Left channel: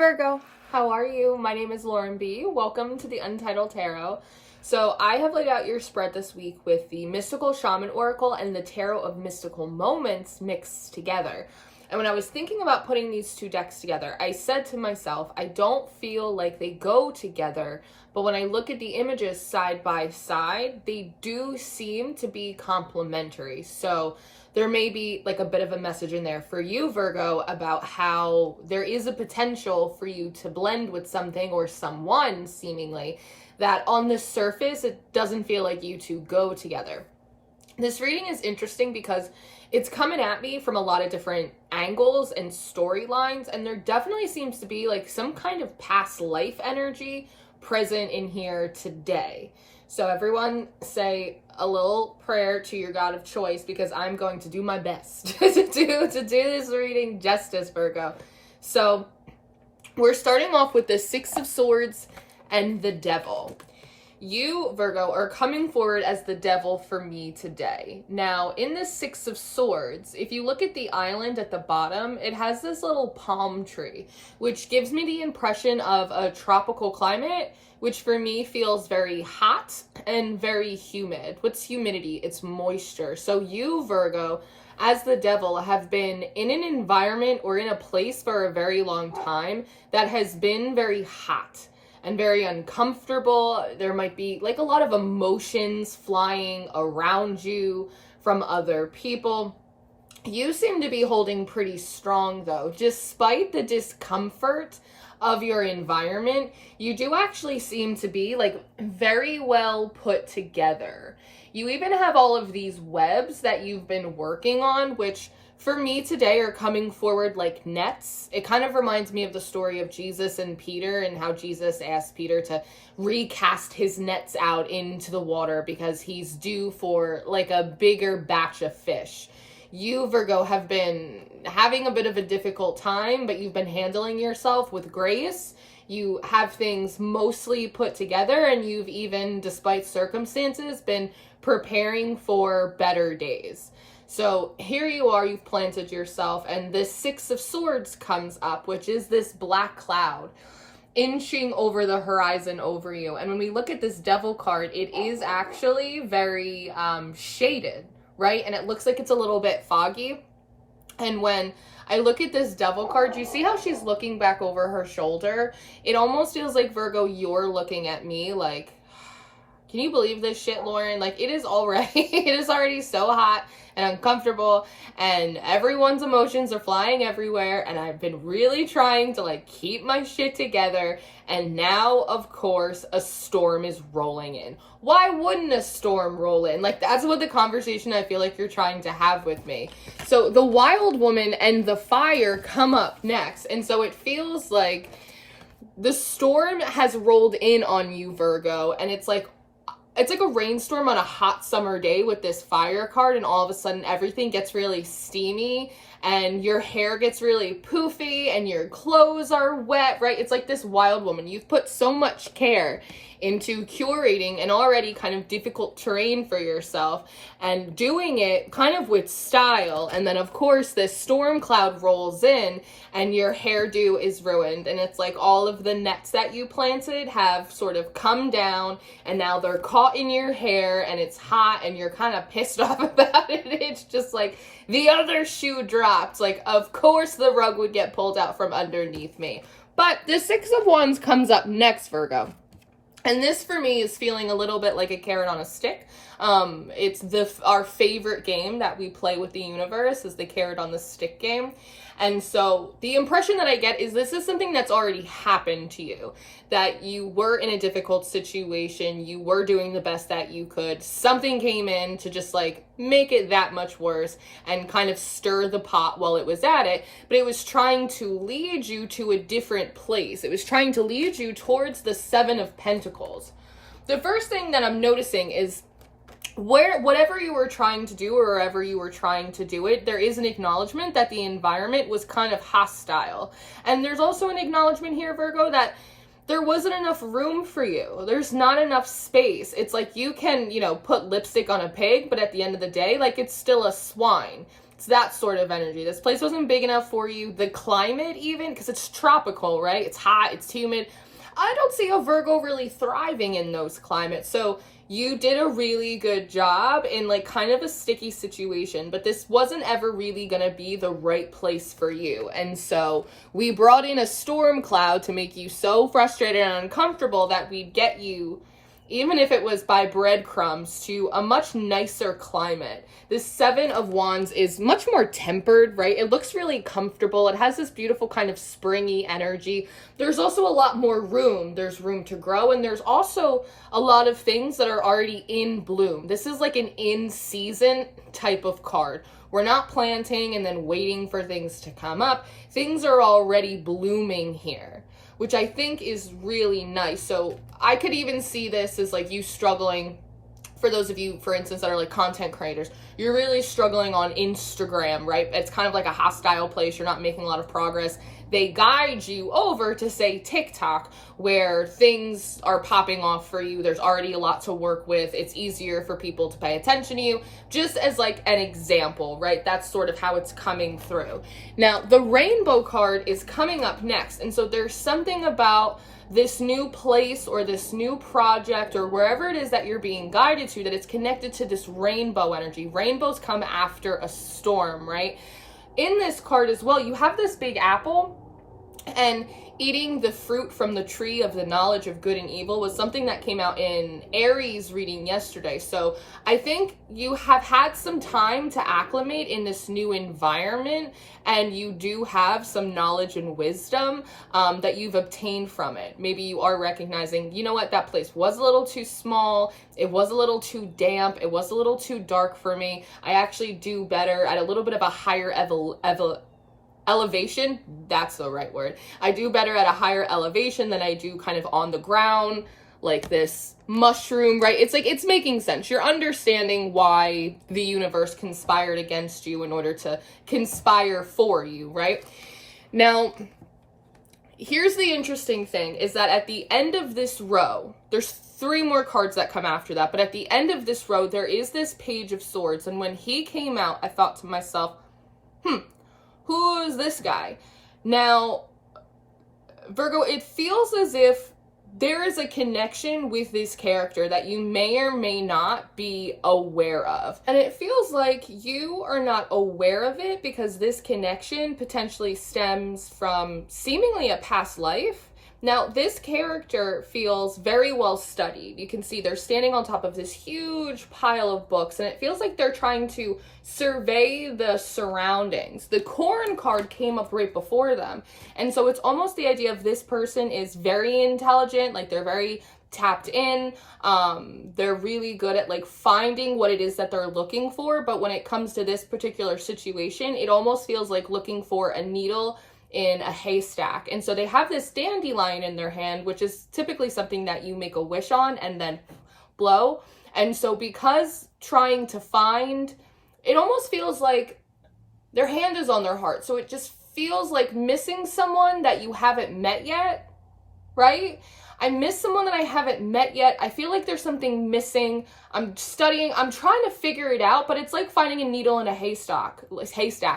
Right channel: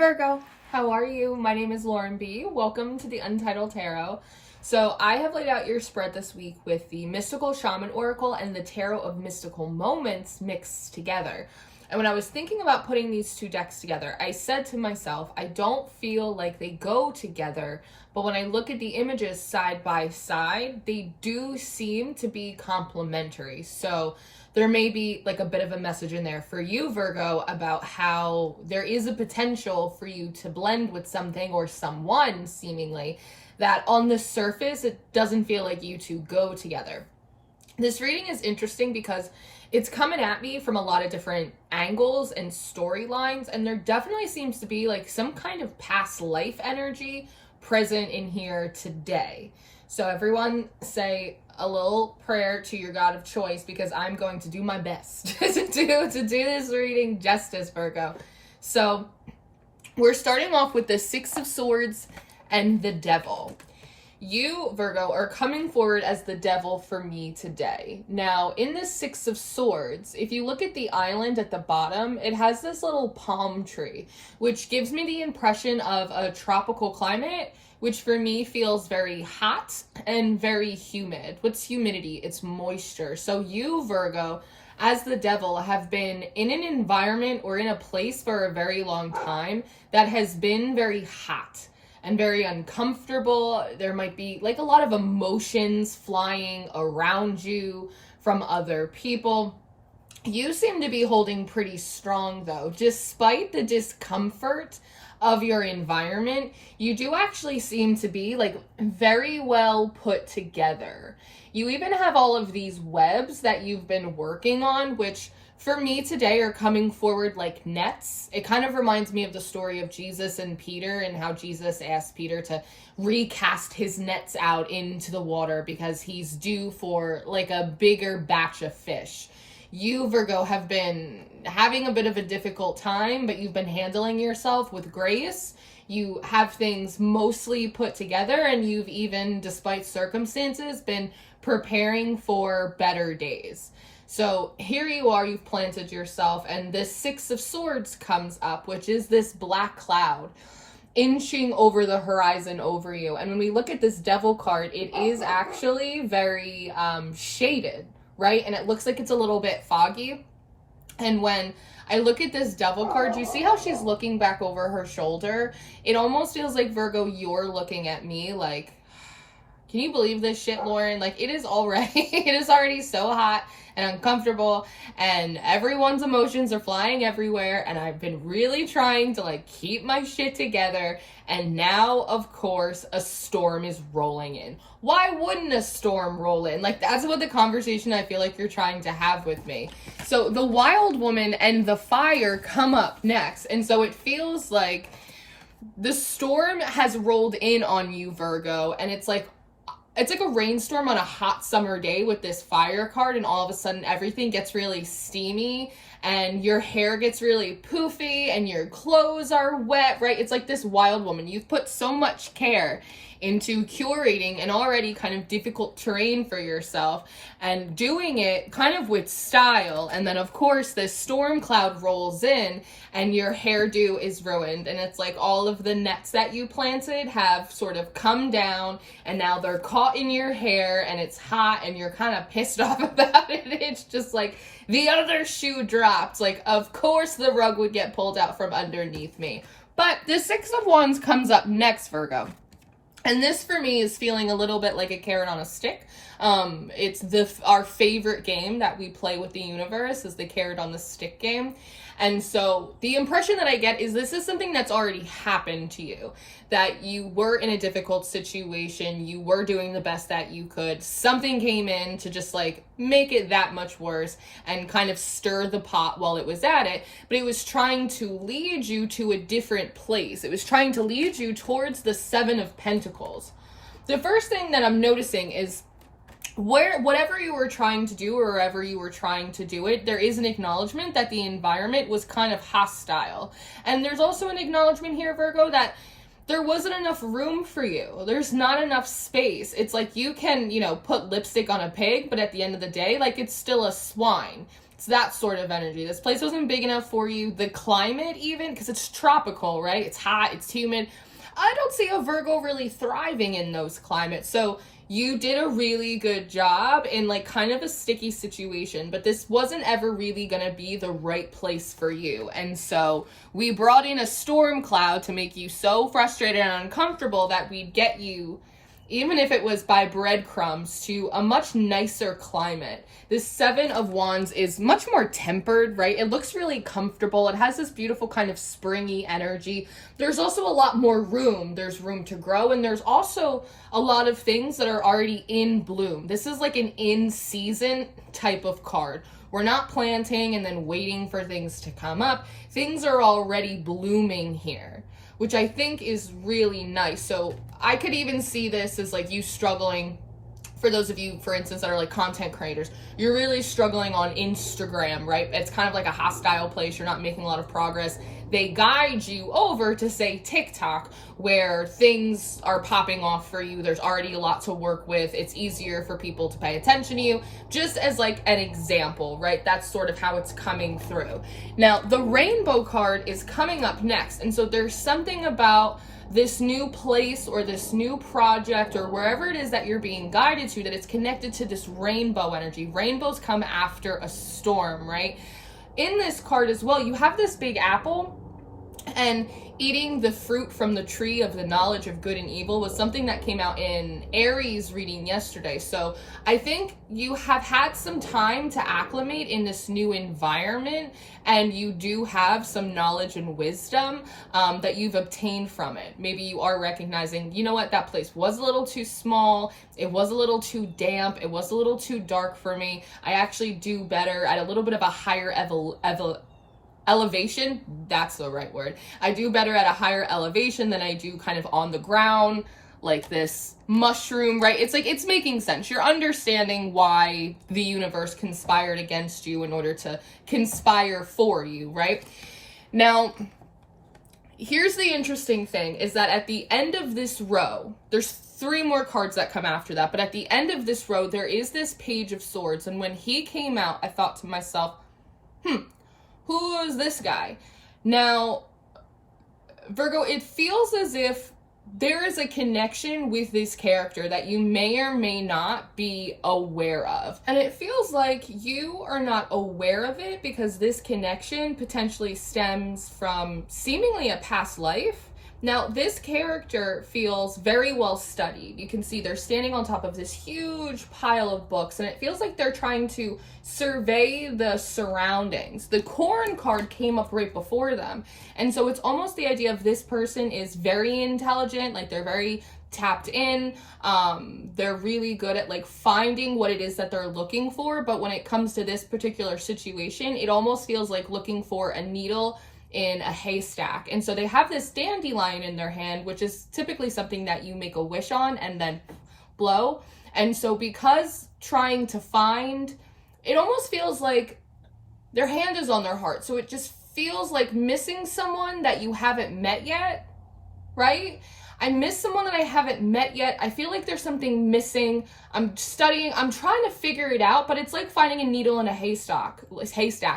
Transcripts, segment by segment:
Virgo, how are you? My name is Lauren B. Welcome to the Untitled Tarot. So I have laid out your spread this week with the Mystical Shaman Oracle and the Tarot of Mystical Moments mixed together. And when I was thinking about putting these two decks together, I said to myself, I don't feel like they go together, but when I look at the images side by side, they do seem to be complementary. So there may be like a bit of a message in there for you, Virgo, about how there is a potential for you to blend with something or someone, seemingly, that on the surface, it doesn't feel like you two go together. This reading is interesting because it's coming at me from a lot of different angles and storylines, and there definitely seems to be like some kind of past life energy present in here today. So everyone say a little prayer to your God of choice, because I'm going to do my best to do this reading justice, Virgo. So we're starting off with the Six of Swords and the Devil. You, Virgo, are coming forward as the devil for me today. Now, in the Six of Swords, if you look at the island at the bottom, it has this little palm tree, which gives me the impression of a tropical climate, which for me feels very hot and very humid. What's humidity? It's moisture. So you, Virgo, as the devil, have been in an environment or in a place for a very long time that has been very hot and very uncomfortable. There might be like a lot of emotions flying around you from other people. You seem to be holding pretty strong though. Despite the discomfort of your environment, you do actually seem to be like very well put together. You even have all of these webs that you've been working on, which for me today are coming forward like nets. It kind of reminds me of the story of Jesus and Peter, and how Jesus asked Peter to recast his nets out into the water because he's due for like a bigger batch of fish. You, Virgo, have been having a bit of a difficult time, but you've been handling yourself with grace. You have things mostly put together, and you've even, despite circumstances, been preparing for better days. So here you are, you've planted yourself, and this Six of Swords comes up, which is this black cloud inching over the horizon over you. And when we look at this Devil card, it is actually very shaded, right? And it looks like it's a little bit foggy. And when I look at this Devil card, you see how she's looking back over her shoulder? It almost feels like, Virgo, you're looking at me like, can you believe this shit, Lauren? Like, it is already so hot and uncomfortable, and everyone's emotions are flying everywhere, and I've been really trying to like keep my shit together, and now of course a storm is rolling in. Why wouldn't a storm roll in? Like, that's what the conversation I feel like you're trying to have with me. So the Wild Woman and the Fire come up next, and so it feels like the storm has rolled in on you, Virgo, and it's like a rainstorm on a hot summer day with this Fire card, and all of a sudden everything gets really steamy and your hair gets really poofy and your clothes are wet, right? It's like this Wild Woman. You've put so much care into curating an already kind of difficult terrain for yourself and doing it kind of with style. And then of course this storm cloud rolls in and your hairdo is ruined. And it's like all of the nets that you planted have sort of come down and now they're caught in your hair and it's hot and you're kind of pissed off about it. It's just like the other shoe dropped. Like, of course the rug would get pulled out from underneath me. But the Six of Wands comes up next, Virgo. And this for me is feeling a little bit like a carrot on a stick. It's our favorite game that we play with the universe is the carrot on the stick game. And so the impression that I get is this is something that's already happened to you, that you were in a difficult situation, you were doing the best that you could, something came in to just like make it that much worse and kind of stir the pot while it was at it, but it was trying to lead you to a different place. It was trying to lead you towards the Seven of Pentacles. The first thing that I'm noticing is whatever you were trying to do or wherever you were trying to do it, there is an acknowledgement that the environment was kind of hostile. And there's also an acknowledgement here, Virgo, that there wasn't enough room for you. There's not enough space. It's like you can, put lipstick on a pig, but at the end of the day, like, it's still a swine. It's that sort of energy. This place wasn't big enough for you. The climate even, because it's tropical, right? It's hot, it's humid. I don't see a Virgo really thriving in those climates. So you did a really good job in like kind of a sticky situation, but this wasn't ever really going to be the right place for you. And so we brought in a storm cloud to make you so frustrated and uncomfortable that we'd get you, even if it was by breadcrumbs, to a much nicer climate. This Seven of Wands is much more tempered, right? It looks really comfortable. It has this beautiful kind of springy energy. There's also a lot more room. There's room to grow, and there's also a lot of things that are already in bloom. This is like an in-season type of card. We're not planting and then waiting for things to come up. Things are already blooming here, which I think is really nice. So I could even see this as like you struggling. For those of you, for instance, that are like content creators, you're really struggling on Instagram, right? It's kind of like a hostile place. You're not making a lot of progress. They guide you over to, say, TikTok, where things are popping off for you. There's already a lot to work with. It's easier for people to pay attention to you, just as like an example, right? That's sort of how it's coming through. Now, the rainbow card is coming up next. And so there's something about this new place or this new project or wherever it is that you're being guided to, that it's connected to this rainbow energy. Rainbows come after a storm, right? In this card as well, you have this big apple, and eating the fruit from the tree of the knowledge of good and evil was something that came out in Aries reading yesterday. So I think you have had some time to acclimate in this new environment, and you do have some knowledge and wisdom that you've obtained from it. Maybe you are recognizing, you know what, that place was a little too small, it was a little too damp, it was a little too dark for me. I actually do better at a little bit of a higher elevation. That's the right word. I do better at a higher elevation than I do kind of on the ground, like this mushroom, right? It's like, it's making sense. You're understanding why the universe conspired against you in order to conspire for you, right? Now, here's the interesting thing, is that at the end of this row, there's 3 more cards that come after that, but at the end of this row, there is this Page of Swords. And when he came out, I thought to myself, who is this guy? Now, Virgo, it feels as if there is a connection with this character that you may or may not be aware of. And it feels like you are not aware of it because this connection potentially stems from seemingly a past life. Now, this character feels very well studied. You can see they're standing on top of this huge pile of books, and it feels like they're trying to survey the surroundings. The Corn card came up right before them. And so it's almost the idea of this person is very intelligent, like they're very tapped in. They're really good at like finding what it is that they're looking for. But when it comes to this particular situation, it almost feels like looking for a needle in a haystack. And so they have this dandelion in their hand, which is typically something that you make a wish on and then blow. And so because trying to find, it almost feels like their hand is on their heart. So it just feels like missing someone that you haven't met yet, right? I miss someone that I haven't met yet. I feel like there's something missing. I'm studying, I'm trying to figure it out, but it's like finding a needle in a haystack.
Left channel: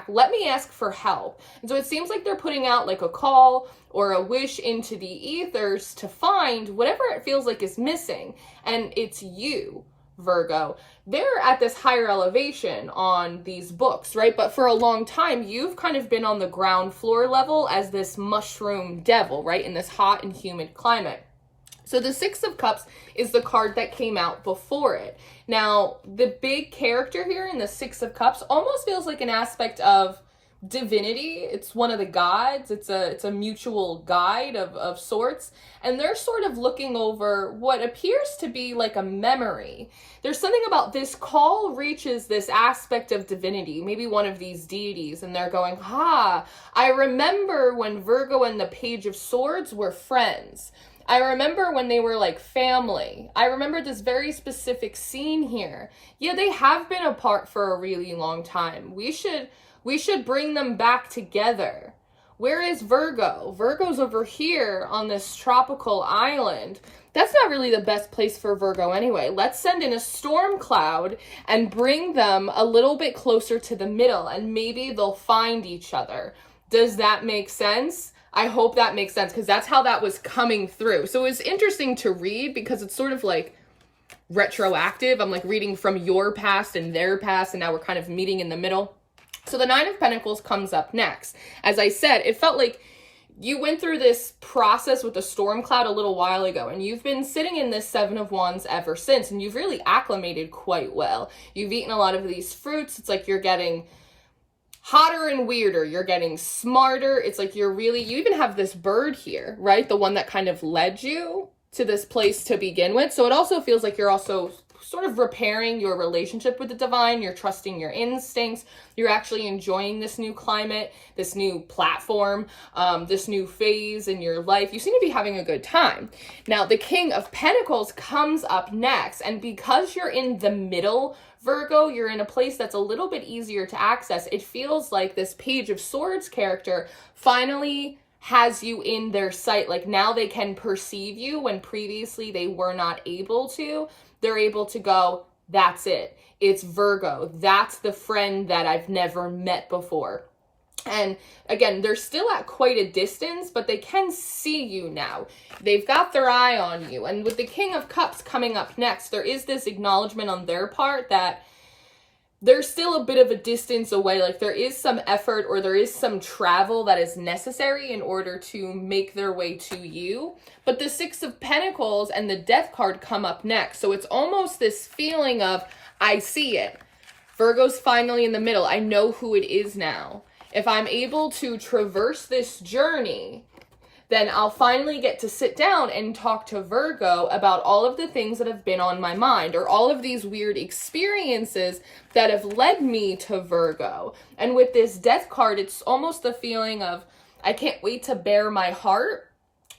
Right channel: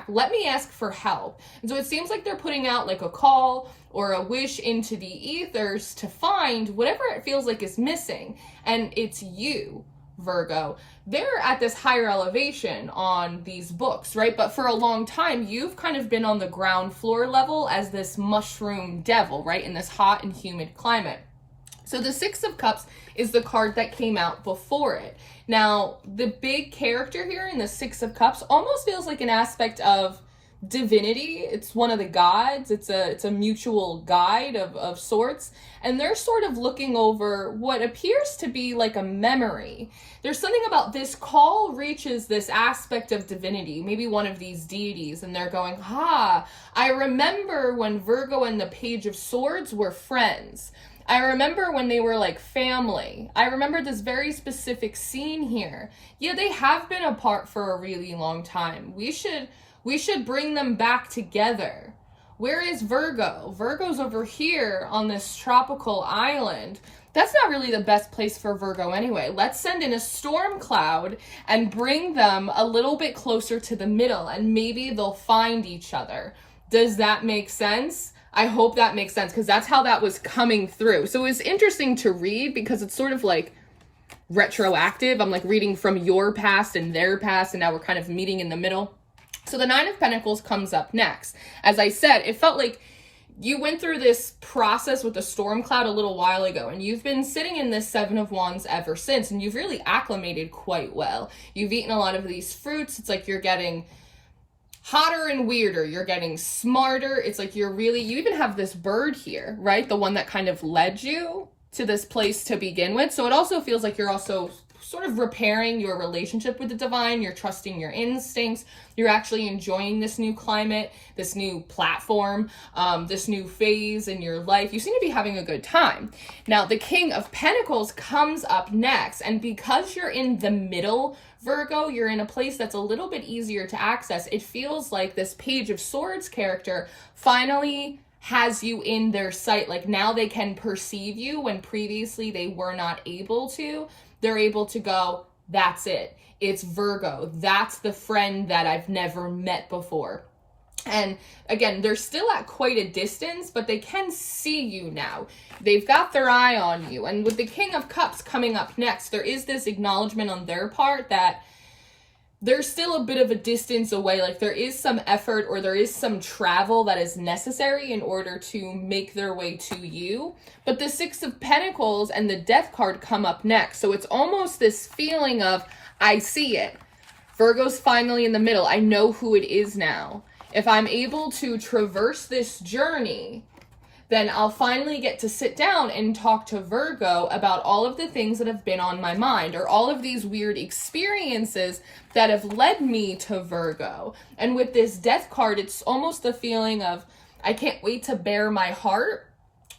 Let me ask for help. And so it seems like they're putting out like a call or a wish into the ethers to find whatever it feels like is missing. And it's you, Virgo. They're at this higher elevation on these books, right? But for a long time, you've kind of been on the ground floor level as this mushroom devil, right? In this hot and humid climate. So the Six of Cups is the card that came out before it. Now, the big character here in the Six of Cups almost feels like an aspect of divinity. It's one of the gods. It's a mutual guide of sorts. And they're sort of looking over what appears to be like a memory. There's something about this call reaches this aspect of divinity, maybe one of these deities, and they're going, I remember when Virgo and the Page of Swords were friends. I remember when they were like family. I remember this very specific scene here. Yeah, they have been apart for a really long time. We should bring them back together. Where is Virgo? Virgo's over here on this tropical island. That's not really the best place for Virgo anyway. Let's send in a storm cloud and bring them a little bit closer to the middle, and maybe they'll find each other. Does that make sense? I hope that makes sense, because that's how that was coming through. So it's interesting to read because it's sort of like retroactive. I'm like reading from your past and their past, and now we're kind of meeting in the middle. So the Nine of Pentacles comes up next. As I said, it felt like you went through this process with the storm cloud a little while ago, and you've been sitting in this Seven of Wands ever since, and you've really acclimated quite well. You've eaten a lot of these fruits. It's like you're getting hotter and weirder. You're getting smarter. It's like you even have this bird here, right? The one that kind of led you to this place to begin with. So it also feels like you're also sort of repairing your relationship with the divine. You're trusting your instincts. You're actually enjoying this new climate, this new platform, this new phase in your life. You seem to be having a good time. Now, the King of Pentacles comes up next. And because you're in the middle, Virgo, you're in a place that's a little bit easier to access. It feels like this Page of Swords character finally has you in their sight. Like now they can perceive you when previously they were not able to. They're able to go, that's it. It's Virgo. That's the friend that I've never met before. And again, they're still at quite a distance, but they can see you now. They've got their eye on you. And with the King of Cups coming up next, there is this acknowledgement on their part that there's still a bit of a distance away. Like there is some effort or there is some travel that is necessary in order to make their way to you. But the Six of Pentacles and the Death card come up next. So it's almost this feeling of, I see it. Virgo's finally in the middle. I know who it is now. If I'm able to traverse this journey, then I'll finally get to sit down and talk to Virgo about all of the things that have been on my mind, or all of these weird experiences that have led me to Virgo. And with this Death card, it's almost the feeling of, I can't wait to bare my heart.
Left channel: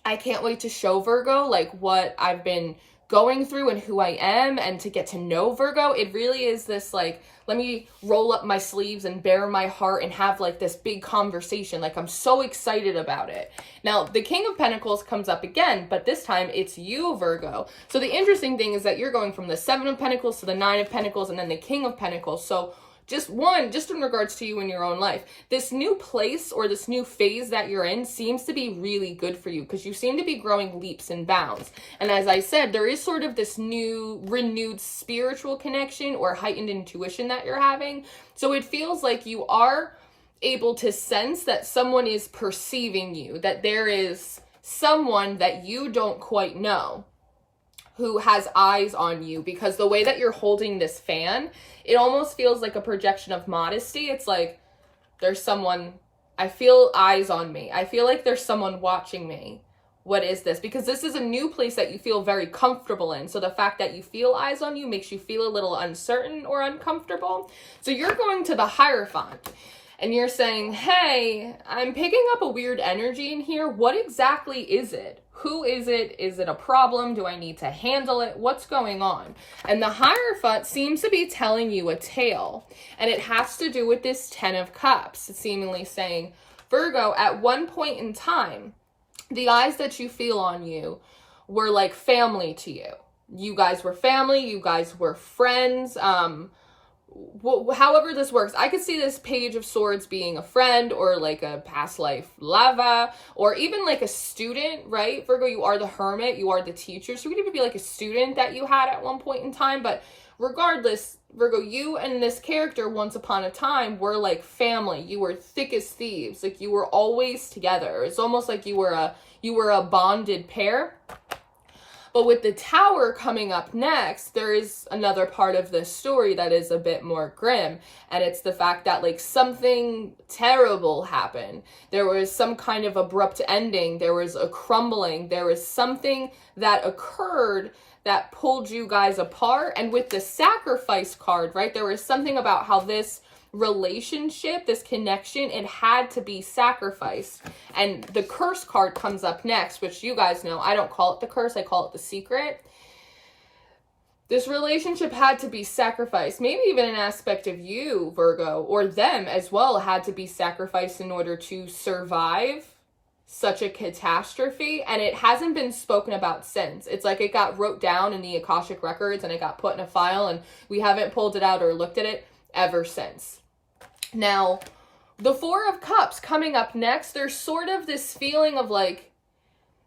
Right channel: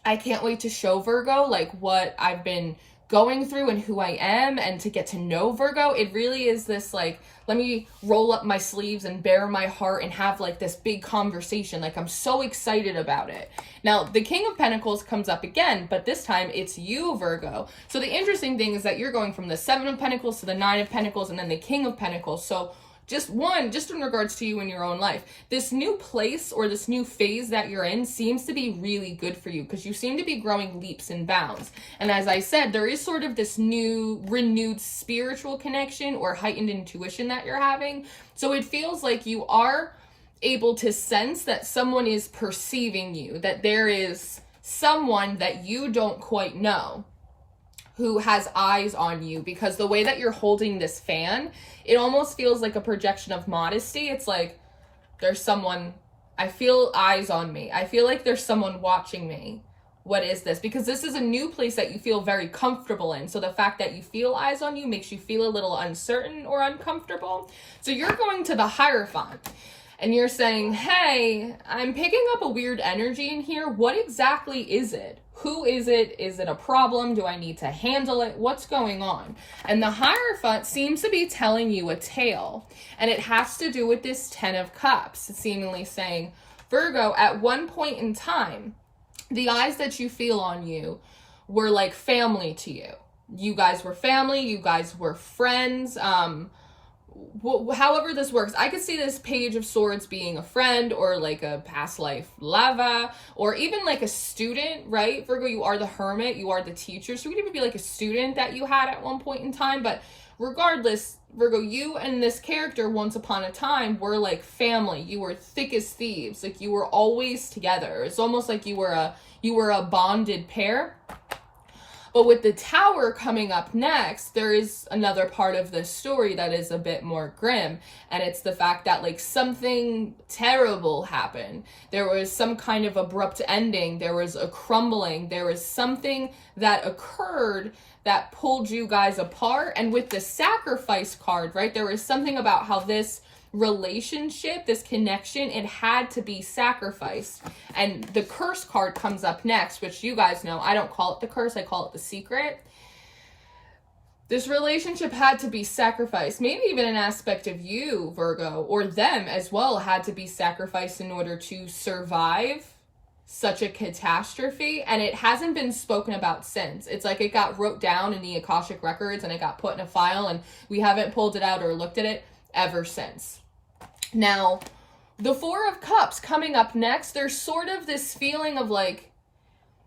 I can't wait to show Virgo like what I've been going through and who I am, and to get to know Virgo. It really is this like, let me roll up my sleeves and bare my heart and have like this big conversation. Like I'm so excited about it. Now, the King of Pentacles comes up again, but this time it's you, Virgo. So the interesting thing is that you're going from the Seven of Pentacles to the Nine of Pentacles and then the King of Pentacles. So just in regards to you in your own life, this new place or this new phase that you're in seems to be really good for you, because you seem to be growing leaps and bounds. And as I said, there is sort of this new renewed spiritual connection or heightened intuition that you're having. So it feels like you are able to sense that someone is perceiving you, that there is someone that you don't quite know who has eyes on you, because the way that you're holding this fan, it almost feels like a projection of modesty. It's like there's someone, I feel eyes on me. I feel like there's someone watching me. What is this? Because this is a new place that you feel very comfortable in. So the fact that you feel eyes on you makes you feel a little uncertain or uncomfortable. So you're going to the Hierophant and you're saying, hey, I'm picking up a weird energy in here. What exactly is it? Who is it? Is it a problem? Do I need to handle it? What's going on? And the Hierophant seems to be telling you a tale. And it has to do with this Ten of Cups. It's seemingly saying, Virgo, at one point in time, the eyes that you feel on you were like family to you. You guys were family. You guys were friends. However this works, I could see this Page of Swords being a friend or like a past life lover, or even like a student, right? Virgo, you are the Hermit, you are the teacher. So it could even be like a student that you had at one point in time. But regardless, Virgo, you and this character once upon a time were like family. You were thick as thieves. Like you were always together. It's almost like you were a bonded pair. But with the Tower coming up next, there is another part of this story that is a bit more grim. And it's the fact that like something terrible happened. There was some kind of abrupt ending. There was a crumbling. There was something that occurred that pulled you guys apart. And with the Sacrifice card, right, there was something about how this relationship, this connection, it had to be sacrificed. And the Curse card comes up next, which you guys know, I don't call it the curse, I call it the secret. This relationship had to be sacrificed. Maybe even an aspect of you, Virgo, or them as well, had to be sacrificed in order to survive such a catastrophe. And it hasn't been spoken about since. It's like it got wrote down in the Akashic records and it got put in a file, and we haven't pulled it out or looked at it ever since. Now, the Four of Cups coming up next, there's sort of this feeling of like,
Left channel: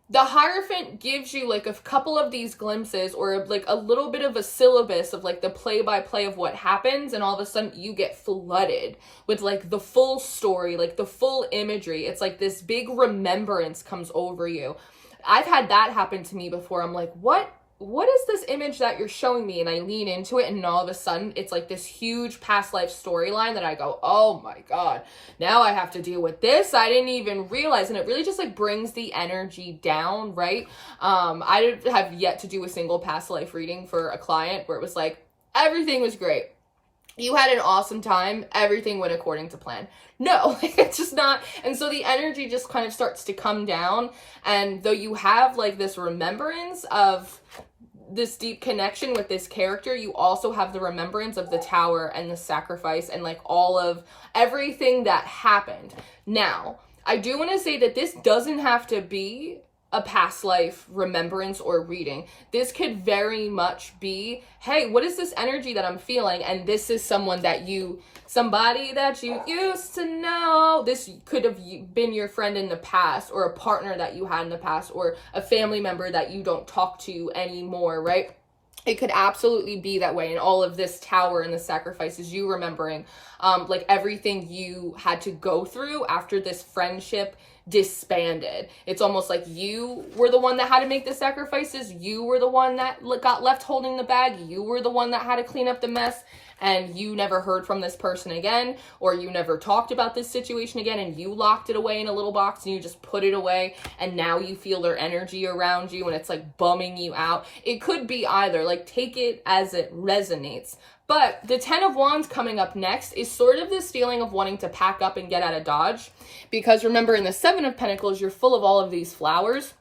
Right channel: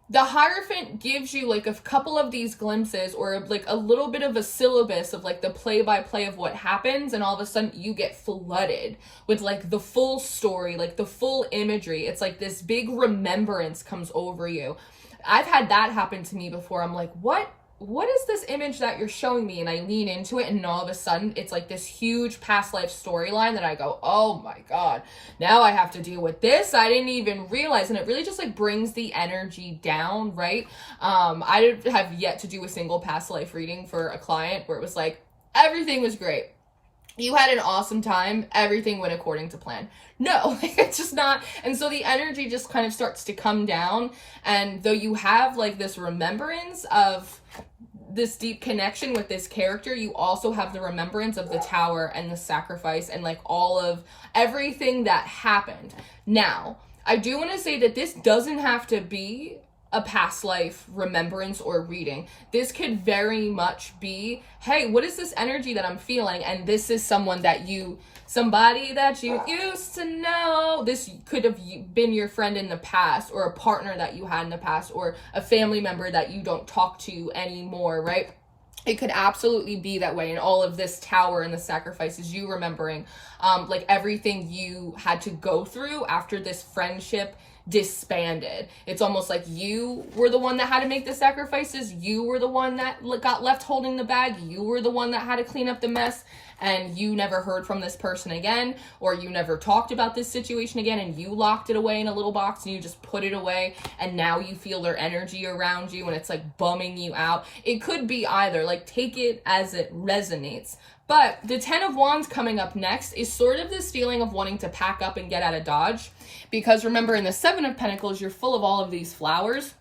the Hierophant gives you like a couple of these glimpses, or like a little bit of a syllabus of like the play-by-play of what happens, and all of a sudden you get flooded with like the full story, like the full imagery. It's like this big remembrance comes over you. I've had that happen to me before. I'm like, what is this image that you're showing me? And I lean into it, and all of a sudden it's like this huge past life storyline that I go, oh my God, now I have to deal with this. I didn't even realize. And it really just like brings the energy down, right? I have yet to do a single past life reading for a client where it was like, everything was great. You had an awesome time. Everything went according to plan. No, it's just not. And so the energy just kind of starts to come down. And though you have like this remembrance of this deep connection with this character, you also have the remembrance of the Tower and the sacrifice and like all of everything that happened. Now, I do want to say that this doesn't have to be a past life remembrance or reading. This could very much be, hey, what is this energy that I'm feeling? And this is somebody that you used to know. This could have been your friend in the past, or a partner that you had in the past, or a family member that you don't talk to anymore, right? It could absolutely be that way. And all of this Tower and the sacrifices, you remembering like everything you had to go through after this friendship disbanded. It's almost like you were the one that had to make the sacrifices. You were the one that got left holding the bag. You were the one that had to clean up the mess, and you never heard from this person again, or you never talked about this situation again, and you locked it away in a little box and you just put it away, and now you feel their energy around you and it's like bumming you out. It could be either. Like, take it as it resonates. But the Ten of Wands coming up next is sort of this feeling of wanting to pack up and get out of Dodge. Because remember, in the Seven of Pentacles, you're full of all of these flowers.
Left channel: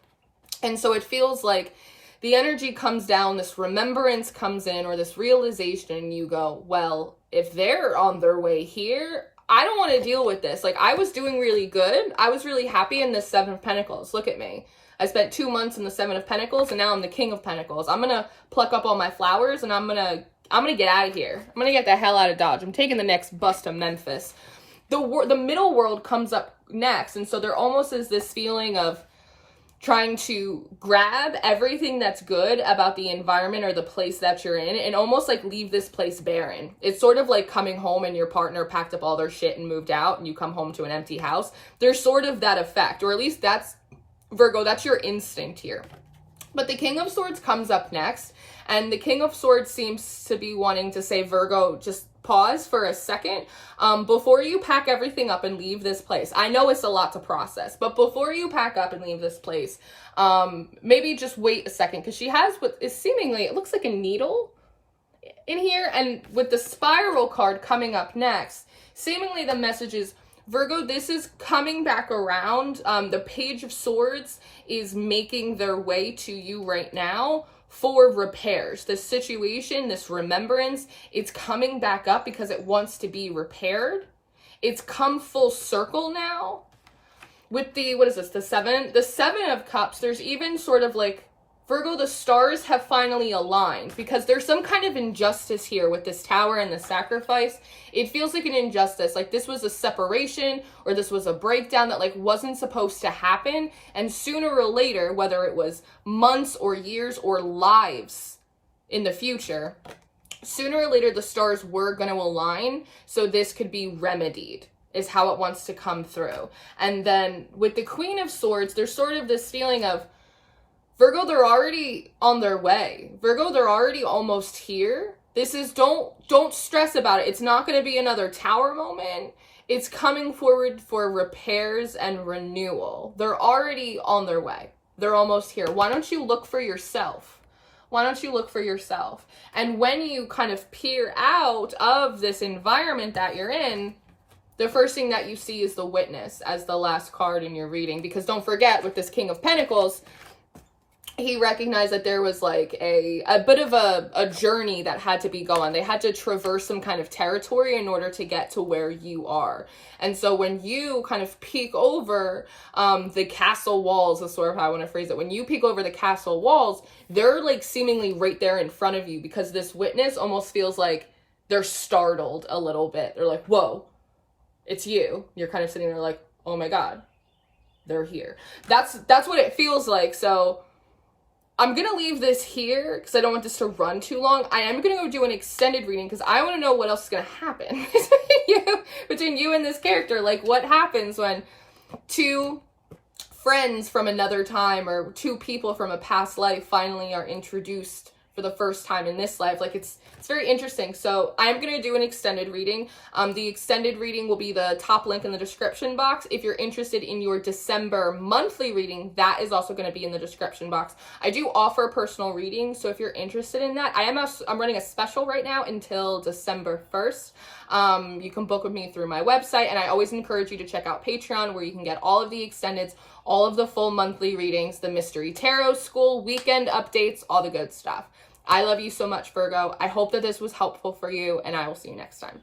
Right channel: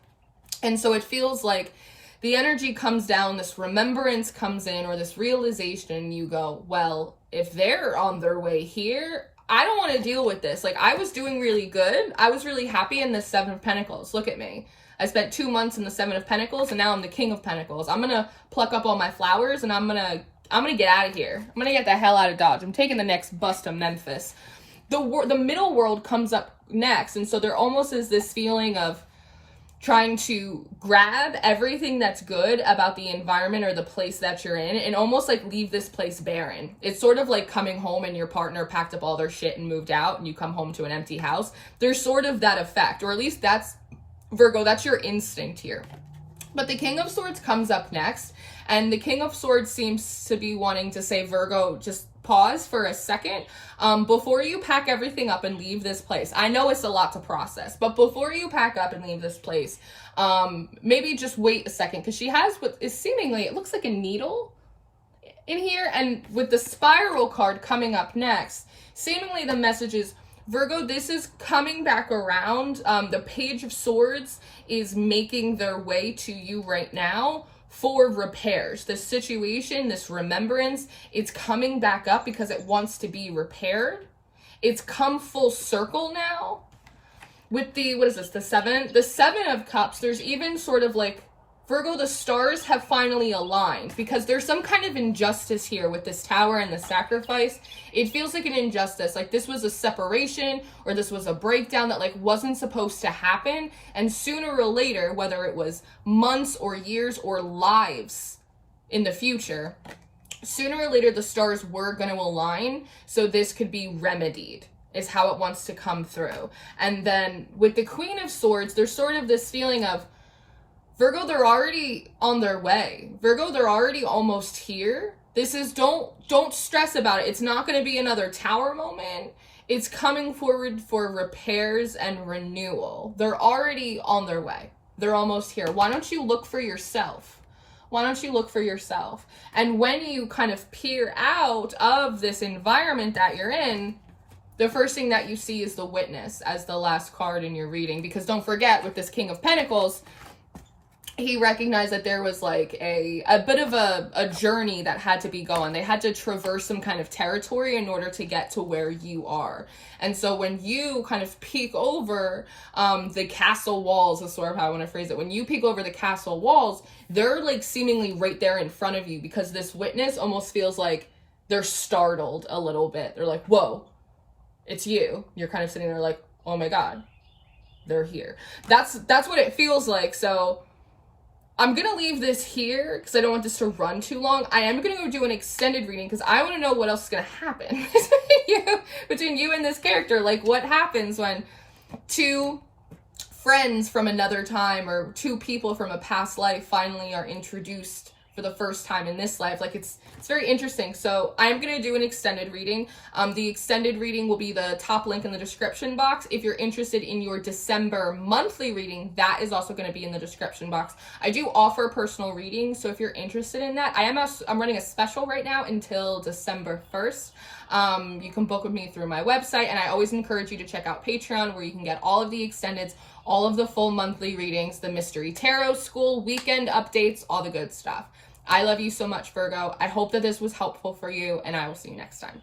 And so it feels like the energy comes down, this remembrance comes in, or this realization, and you go, well, if they're on their way here, I don't want to deal with this. Like, I was doing really good. I was really happy in the Seven of Pentacles. Look at me. I spent 2 months in the Seven of Pentacles, and now I'm the King of Pentacles. I'm going to pluck up all my flowers, and I'm going to get out of here. I'm going to get the hell out of Dodge. I'm taking the next bus to Memphis. The middle world comes up next. And so there almost is this feeling of trying to grab everything that's good about the environment or the place that you're in and almost like leave this place barren. It's sort of like coming home and your partner packed up all their shit and moved out, and you come home to an empty house. There's sort of that effect, or at least that's, Virgo, that's your instinct here. But the King of Swords comes up next, and the King of Swords seems to be wanting to say, Virgo, just pause for a second before you pack everything up and leave this place. I know it's a lot to process, but before you pack up and leave this place, maybe just wait a second, because she has what is seemingly, it looks like a needle in here, and with the Spiral card coming up next, seemingly the message is, Virgo, this is coming back around. The Page of Swords is making their way to you right now for repairs. The situation, this remembrance, it's coming back up because it wants to be repaired. It's come full circle now. With the, what is this, the Seven of Cups, there's even sort of like, Virgo, the stars have finally aligned, because there's some kind of injustice here with this Tower and the sacrifice. It feels like an injustice, like this was a separation, or this was a breakdown that like wasn't supposed to happen, and sooner or later, whether it was months or years or lives in the future, sooner or later the stars were going to align, so this could be remedied, is how it wants to come through. And then with the Queen of Swords, there's sort of this feeling of, Virgo, they're already on their way. Virgo, they're already almost here. This is, don't stress about it. It's not going to be another Tower moment. It's coming forward for repairs and renewal. They're already on their way. They're almost here. Why don't you look for yourself? Why don't you look for yourself? And when you kind of peer out of this environment that you're in, the first thing that you see is the Witness as the last card in your reading. Because don't forget, with this King of Pentacles, he recognized that there was like a bit of a journey that had to be gone. They had to traverse some kind of territory in order to get to where you are. And so when you kind of peek over the castle walls, is sort of how I want to phrase it. When you peek over the castle walls, they're like seemingly right there in front of you, because this witness almost feels like they're startled a little bit. They're like, whoa, it's you. You're kind of sitting there like, oh my God, they're here. That's what it feels like. So I'm going to leave this here because I don't want this to run too long. I am going to go do an extended reading because I want to know what else is going to happen between you and this character. Like, what happens when two friends from another time or two people from a past life finally are introduced for the first time in this life. Like, it's very interesting. So I'm going to do an extended reading. The extended reading will be the top link in the description box. If you're interested in your December monthly reading, that is also going to be in the description box. I do offer personal readings, so if you're interested in that, I'm running a special right now until December 1st. You can book with me through my website, and I always encourage you to check out Patreon, where you can get all of the extendeds, all of the full monthly readings, the Mystery Tarot School, weekend updates, all the good stuff. I love you so much, Virgo. I hope that this was helpful for you, and I will see you next time.